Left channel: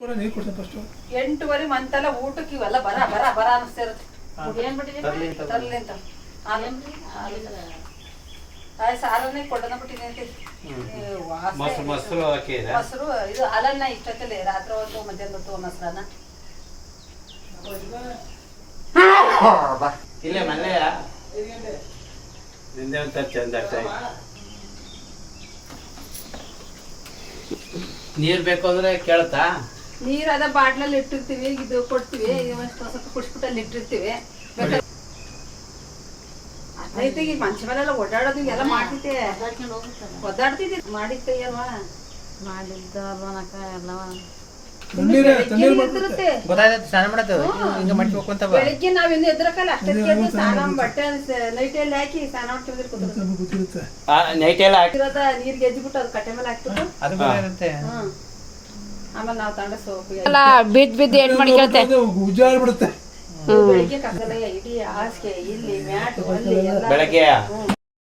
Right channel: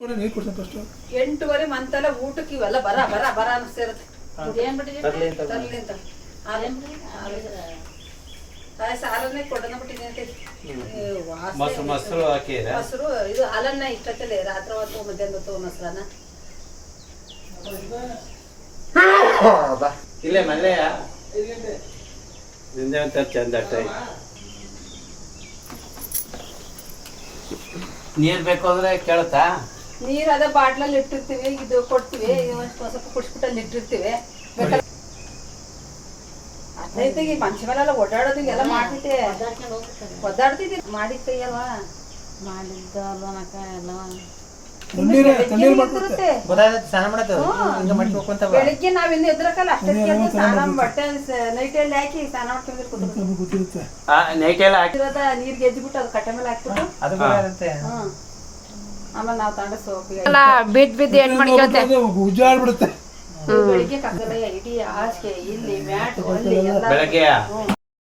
ನೀರು ಕೊಡ್ತೀನಿ ಫಸ್ಟು ಎಂಟುವರೆ ಮಂತೆಲ್ಲ ಊಟಕ್ಕೆ ಇವೆಲ್ಲ ಬರ ಬರ ಬರ ಅನಿಸ್ತಿರುತ್ತೆ ತರ್ಲಿ ಅಂತ ತರ್ಲಿ ಅಂತ. ಬಿಟ್ಟಿದ್ದೀನಿ ಮೊಸರು ಮೊಸರು ಹಾಕಿದ್ರೆ ಮೊಸರು ಇದು ಹಾಲನ್ನ ಇಷ್ಟೊತ್ತಲ್ಲಿ ರಾತ್ರಿ ಹೊತ್ತು ಮಧ್ಯಾಹ್ನ ಹೊತ್ತು ಮೊಸರನ್ನ. ಇಲ್ಲೇ ಮನೆ ನಿಂದೆ ಅಂತ ಚಂದ ನೀರ್ ಬೇಕು ಅಂದ್ರೆ ಕೇಳ್ತಾ ನೀರ್ ಅದ ಬಾಟ್ಲಲ್ಲಿ ಇಟ್ಟಿರ್ತೀವಿ ಇದು ಕೊಡ್ತೀವಿ ಸ್ವಲ್ಪ ಕುಡಿಸ್ಬಿಟ್ಟು ಅಲ್ಲಿ ಇಟ್ಟಿರ್ತೀವಿ. ಈ ಮನುಷ್ಯ ಮೇಲೆಲ್ಲ ಓಡಾಡೋದು ಎಲ್ಲ ಮಾಡ್ತಿದ್ದೆ ಒದ್ದಾಡ್ತಿದ್ದೆ ಮಾಡಿದ ಕೈಯಲ್ವಾ ಮಾಡಿದ್ದ ಅಲ್ವನಕ ಎಲ್ಲ. ತಣ್ಣೀರು ಬೆಳಿಗ್ಗೆ ನಾವ್ ಇನ್ನು ಎದ್ರಕಲ್ಲ ಅಷ್ಟೇ ಸ್ನಾನ ಬಟ್ಟೆ ಬಟ್ಟೆ ನೈಟಲ್ಲಿ ಹಾಕಿ ಸ್ನಾನ ಮಾಡ್ಕೊಂಡ್ರೆ ನೈಟ್ ಎಲ್ಲ ಹಾಕಿ ಇರೋದ ನೀರ್ಗೆ ಎದ್ಬಿಟ್ಟು ಅದು ಕಟ್ಟೆ ಮೇಲೆ ಹಾಕ್ಬಿಟ್ಟು. ಆಮೇಲೆ ನಾವು ಸೋಪು ಬಿದ್ದು ಬೆಳಿಗ್ಗೆ ಕಕ್ಕಲ ಇಡೀ ಹಾಸಿಗೆ ಇಲ್ಲಿ ಮ್ಯಾಟ್ ಅಲ್ಲಿ ಎಲ್ಲ ಬೆಳಗ್ಗೆ.